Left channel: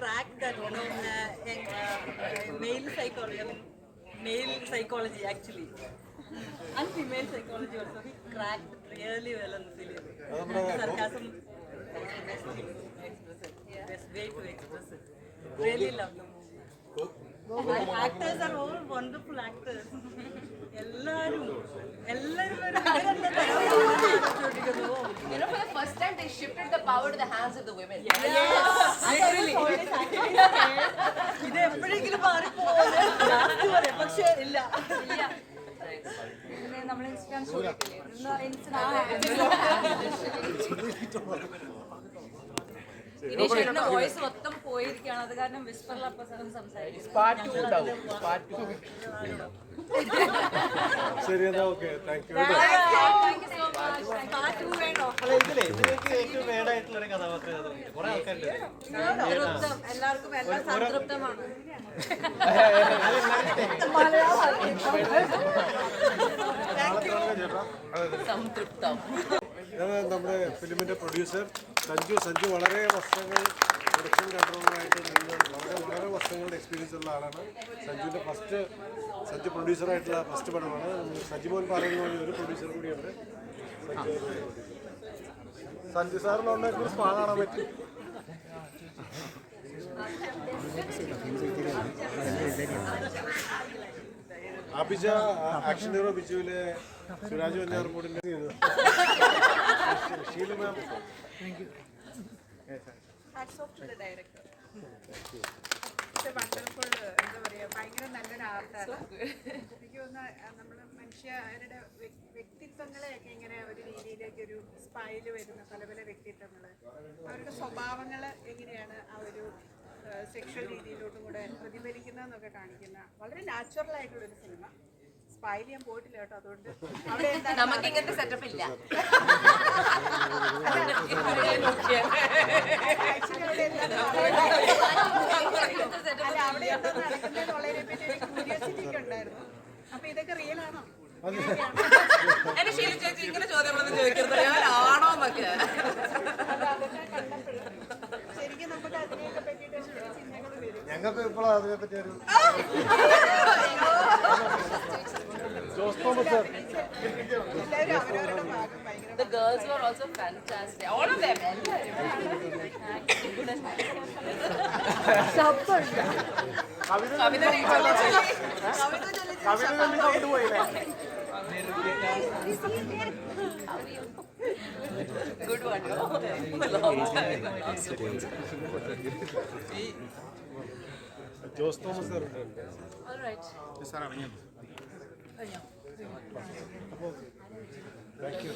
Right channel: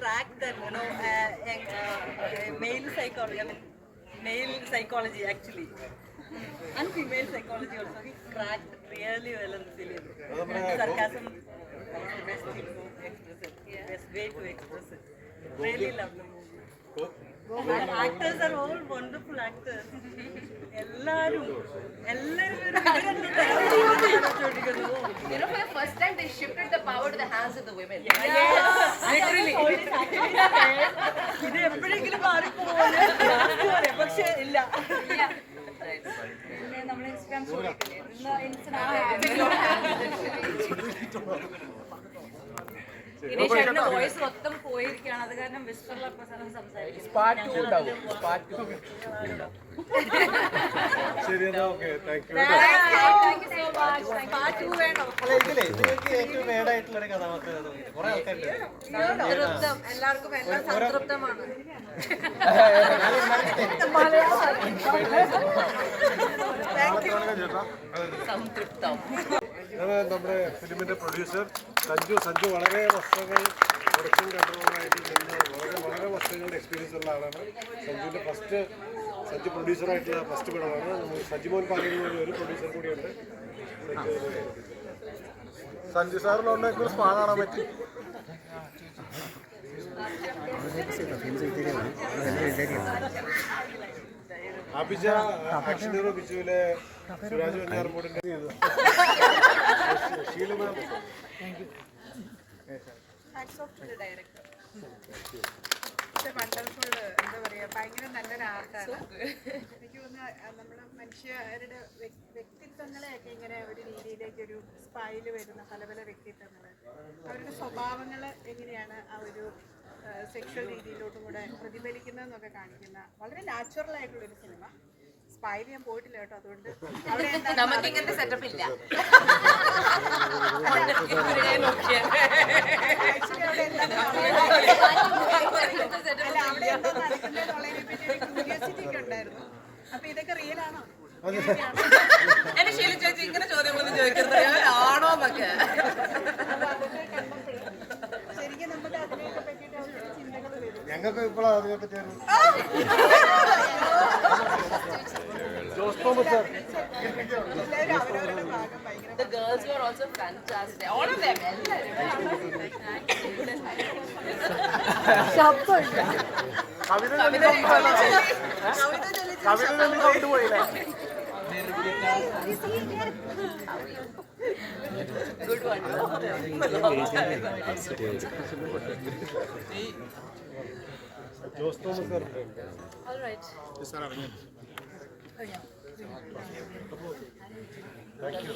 cracked that, you know, uh, uh, male psychology, I mean, male psychology actually. And female psychology also. He cracked really well in the film. Sarcasm, that's the best thing to express it. Best way to express it. Really love the movie. Actors actors are all wonderful actors. എല്ലാരും എല്ലാരും You know, for the first time, they shifted the power to the hands of the women. Literally. ഇത് എപ്പോഴെങ്കിലും മാറിപ്പോകും പക്ഷെ ഇല്ല പിന്നെ നമ്മൾ Instagram ദിനേശേട്ടന്റെ voice മൊത്തം പോയിരിക്കുകയാണ്. അത് കാരണം വിസ്പറിൽ സംസാരിക്കും. എല്ലാവർക്കും എല്ലാം സംതൃപ്തമാണ്. സംതൃപ്തം. നമ്മുടെ ഫിലിമിന്റെ പ്രൊഡ്യൂസർ. സഞ്ജു സഞ്ജു വളരെ വർഷങ്ങൾ പ്രൊഡക്ഷൻ കൺട്രോളറായിട്ട് നിന്ന് വളരെ വളരെ വർഷങ്ങളുടെ എക്സ്പീരിയൻസ് ഉള്ള ആളാണ്. സഞ്ജുവിന്റെ ഫസ്റ്റ് സഞ്ജു പ്രൊഡ്യൂസറായിട്ടുള്ള ഫസ്റ്റ് പടമാണ്. സജിമോൻ പാലയിൽ ഒരു പ്രൊഡ്യൂസർ കൂടിയുണ്ട്. സഞ്ജു സാറിനെ കുറിച്ച് സ്പാ കാണാൻ പറ്റി. അഭിജ ആക്ഷൻ ഹീറോ ബിജുവിലെ സുരാജ് വെഞ്ഞാറമൂടിന്റെ ഷീലു മാം. വണ്ടർഫുൾ എന്താ പറയുക ഭയങ്കര നല്ലൊരു ആർട്ടാണ് എനിക്ക് തോന്നുന്നു നമ്മൾ മനുഷ്യരുടെ വ്യ- വ്യക്തിത്വങ്ങളെയൊക്കെ ഇങ്ങനെ ഒരു രീതിയിലേക്ക് ഒരു സ്പൈൽ വരുന്ന പല പല വ്യക്തിത്വങ്ങൾ അവരുടെ സ്വഭാവങ്ങൾ എങ്ങനെയാണ് ആ ഒരു സെക്ഷൽ രീതിയിലോട്ടും കൂടെ പ്രതിഫലിക്കുന്നതെന്നൊക്കെ കാണിക്കുന്ന വളരെ നാച്ചുറൽ ആയിട്ടുള്ള ഒരു സിനിമ സ്പൈൽ ഞാൻ പോയിട്ടില്ല കേട്ടോ അതുകൊണ്ട് അവിടെ നമുക്ക് ഇങ്ങനത്തെ സെറ്റപ്പ് ഇല്ല. ക്യൂരിയോസിറ്റി ഉണ്ടായിരുന്നു. അപ്പൊ ഇതൊക്കെ റിയൽ ആണോ? ചേച്ചി ഇങ്ങനെ ചോദ്യങ്ങളൊന്നും ചോദിക്കുന്നത് ആണോ എന്നൊക്കെ. ഞങ്ങൾക്ക് ഇപ്പോഴാണ് അതിനെ പറ്റി ഒരു ജോസ് തോമസ് സാർ എല്ലാവരും അവരവരുടെ ഭാഗം ഭയങ്കര The girls were also fantastic. All of them. Kavitha Good one. no? Jose Thomas sir ഉണ്ട് All right. Thank you